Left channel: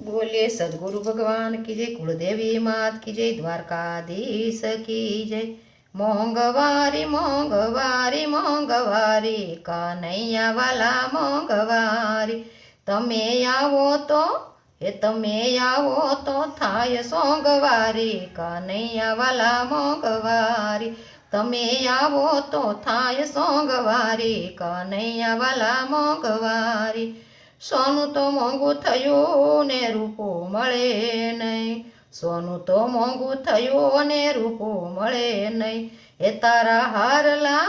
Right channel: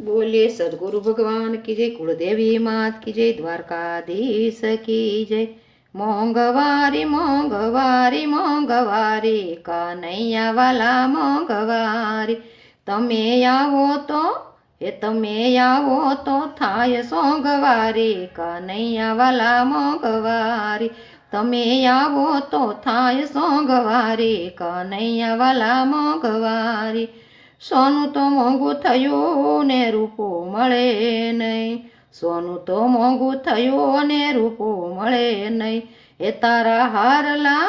બોલીએ સદગુરુ ભગવાન કી જય કુળદેવી માત કી જય દ્વારકાધીશ કી જય મોંઘવારી મોંઘવારી મોંઘવારી કાનૈયા વાલા મોંઘવારી તમે આવો તો એ તમે આવો તો થાય સોંગવારી કાનૈયા વાલા મોંઘવારી તમે આવો તો થાય સોંગવારી કાનૈયા વાલા મોંઘવારી સોનું તો મોંઘું થયું ને રૂપો મળે નહીં. સોનું તો મોંઘું થયું ને રૂપો મળે નહીં. એ તારા હારલા,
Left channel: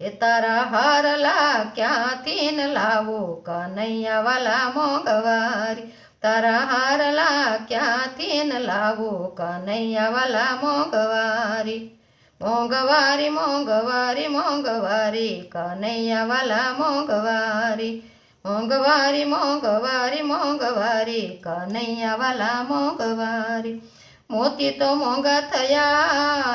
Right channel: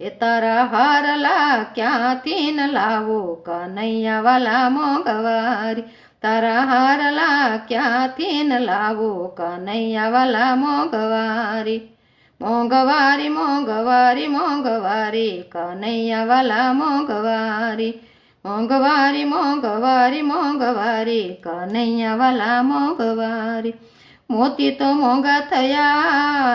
એ તારા હારલા ક્યાંથી ન લાવો કનૈયા વાલા મોંઘવારી. તારા હારલા ક્યાંથી ન લાવો કનૈયા વાલા મોંઘવારી. મોંઘવારી મોંઘવારી મોંઘવારી કનૈયા વાલા મોંઘવારી. મોંઘવારી મોંઘવારી મોંઘવારી, કનૈયાવાલા મોંઘવારી. મોતી તો મોંઘા થયા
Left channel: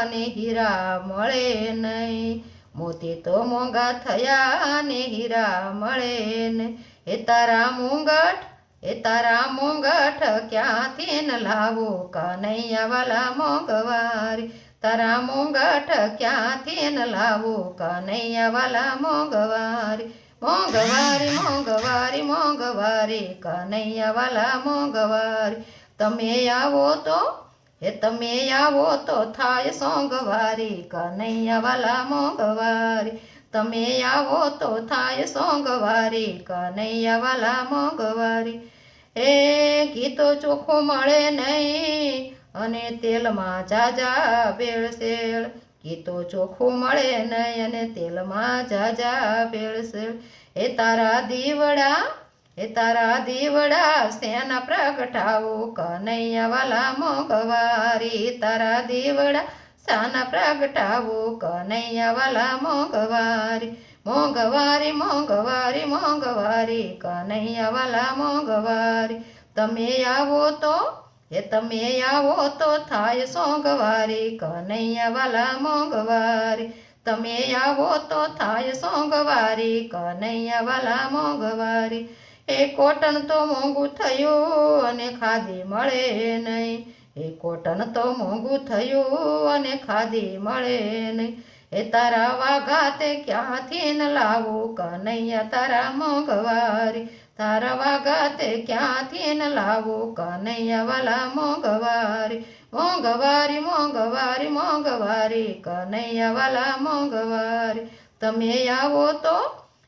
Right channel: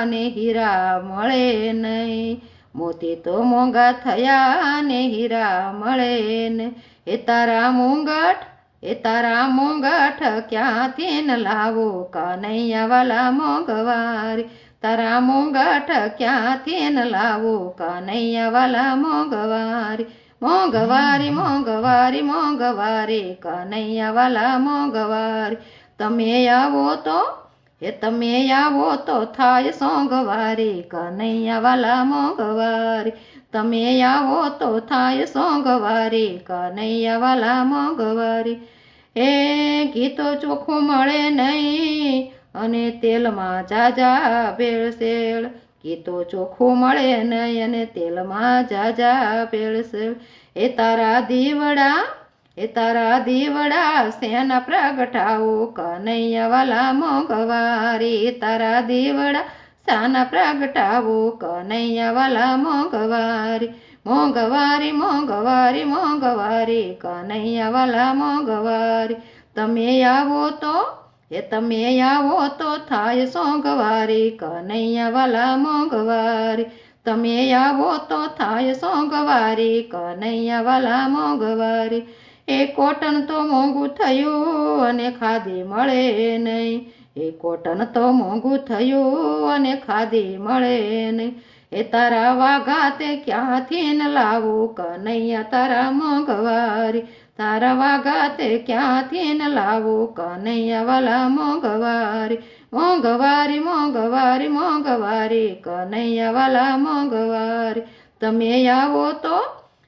ને હીરા મળે નહીં. મોતી તો મોંઘા થયા ને હીરા મળે ને. એ તારા મુંગઠ એ તારા મુંગઠ ક્યાંથી ન લાવો? કનૈયાવાલા મોંઘવારી. તારા મુંગઠ ક્યાંથી ન લાવો? કનૈયાવાલા મોંઘવારી. મોંઘવારી મોંઘવારી મોંઘવારી કનૈયાવાલા મોંઘવારી. તમે આવો તો એ તમે આવો તો થાય સોંગવારી કનૈયાવાલા મોંઘવારી. તમે આવો તો થાય સોંગવારી કનૈયાવાલા મોંઘવારી. એ ગીતો ચોખ્ખું મળે નહીં, અને તેલમાં જાજા, ભેળસેળ. એ તો ચોખ્ખું મળે નહીં અને તેલમાં જાજા પેળશે એ તારા દીવડા, એ તારા દીવડા, સેન પ્રગટાવો કનૈયા વાલા મોંઘવારી તારા દીવડા, સાન પ્રગટાવો કનૈયા વાલા મોંઘવારી. મોંઘવારી મોંઘવારી મોંઘવારી કનૈયા વાલા મોંઘવારી. તમે આવો તો એ તમે આવો તો થાય સોંગવારી કનૈયા વાલા મોંઘવારી. તમે આવો તો થાય સોંગવારી કનૈયા વાલા મોંઘવારી. એ કોટન તો મોંઘું થયું અને ખાધી મળે નહીં. એ કોટન તો મોંઘું થયું અને ખાધી મળે નહીં. એ તારા વાઘા તે ક્યાંથી ન લાવું, કનૈયા તારા મોંઘવારી. તારા વાઘા તે ક્યાંથી ન લાવું કનૈયા વાલા મોંઘવારી મોંઘવારી મોંઘવારી મોંઘવારી કનૈયા વાલા મોંઘવારી. તમે આવો તો,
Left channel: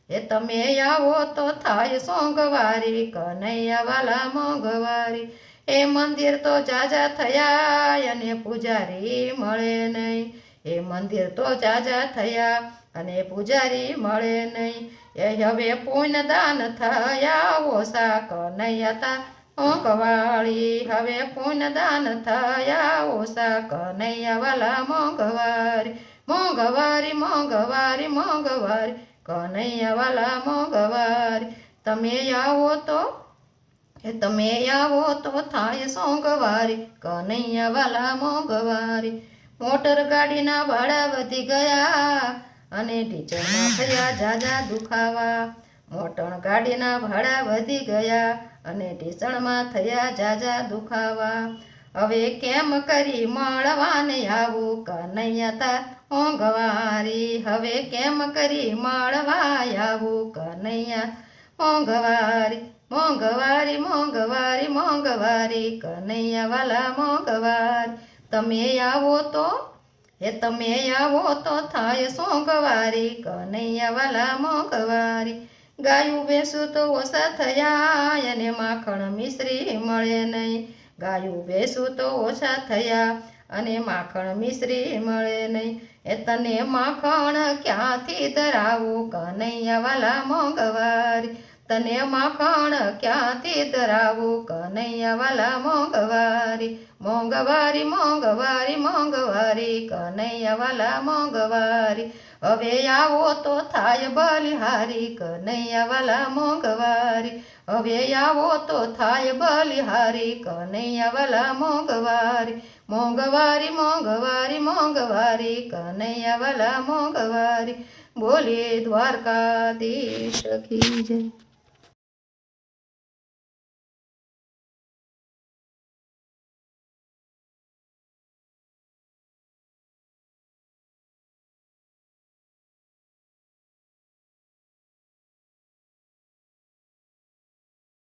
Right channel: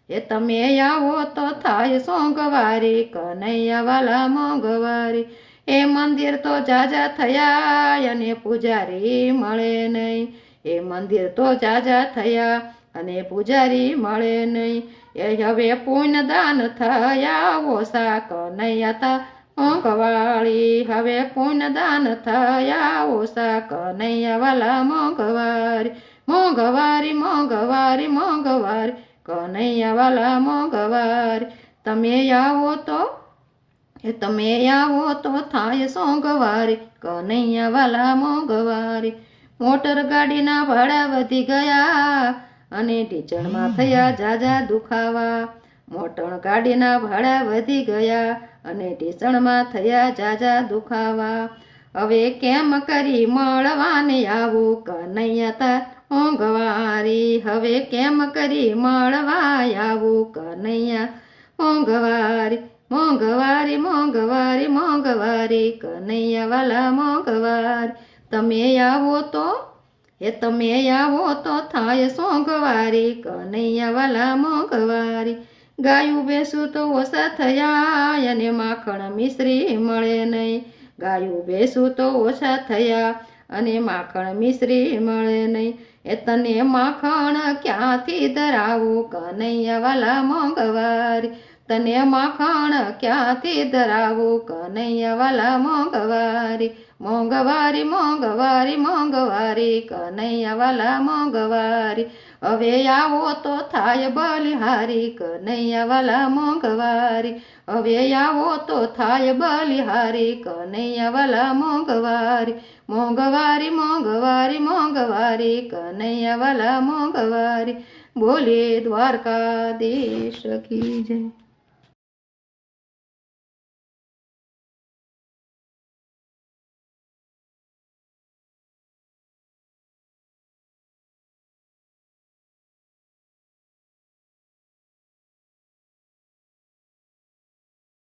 એ તમે આવો તો થાય સોંગવારી કનૈયા વાલા એ મંદિર તો જાજા થયા, અને પૂજારી મળે નહીં. એ મંદિર તો જાજા થયા અને પૂજારી મળે નહીં. એ હવે પુણ્ય દાન થયા ઓસા કનૈયા તા મોંઘવાળી. હવે પુણ્ય દાન થયા ઓસા કનૈયા વાલા મોંઘવારી. મોંઘવારી મોંઘવારી મોંઘવારી. કનૈયા વાલા મોંઘવારી. તમે આવો તો, એ તમે આવો તો થાય સોંગવારી કનૈયા વાલા મોંઘવારી. મોટર ગાડીના ભાડા વધી ગયા. અને ઢીચણમાં થયા જાજા દુખાવા. મોટર ગાડીના ભાડા વધી ગયા અને ઢીચણમાં થયા જાજા દુખાવા. હવે કેમ કરી મળવાને આવું? કનૈયા તા મોંઘવારી હવે કેમ કરી મળવા આવું? કનૈયા મોંઘવારી મોંઘવારી મોંઘવારી મોંઘવારી. કનૈયા વાલા મોંઘવારી. તમે આવો તો એ તમે આવો તો થાય સોંઘવારી કનૈયા વાલા મોંઘવારી. ગાયું બેસું તો ઓછા થયા અને માખણ મિશ્રી મળે નહીં. ગાયું બેસું તો ઓછા થયા અને માખણ મિશ્રી મળે નહીં. એ તને માખણ ક્યાંથી ધરાવું? કનૈયા વાલા મોંઘવારી. તને માખણ ક્યાંથી ધરાવું? કનૈયાવાલા મોંઘવારી મોંઘવારી મોંઘવારી મોંઘવારી કનૈયાવાલા મોંઘવારી. હવે આવો તો થાય બલિહારી કનૈયાવાલા મોંઘવારી. હવે આવો તો થાય બલિહારી કનૈયાવાલા મોંઘવારી. મોંઘવારી મોંઘવારી મોંઘવારી કનૈયાવાલા મોંઘવારી. બોલે દ્વારકાધીશ કી જય.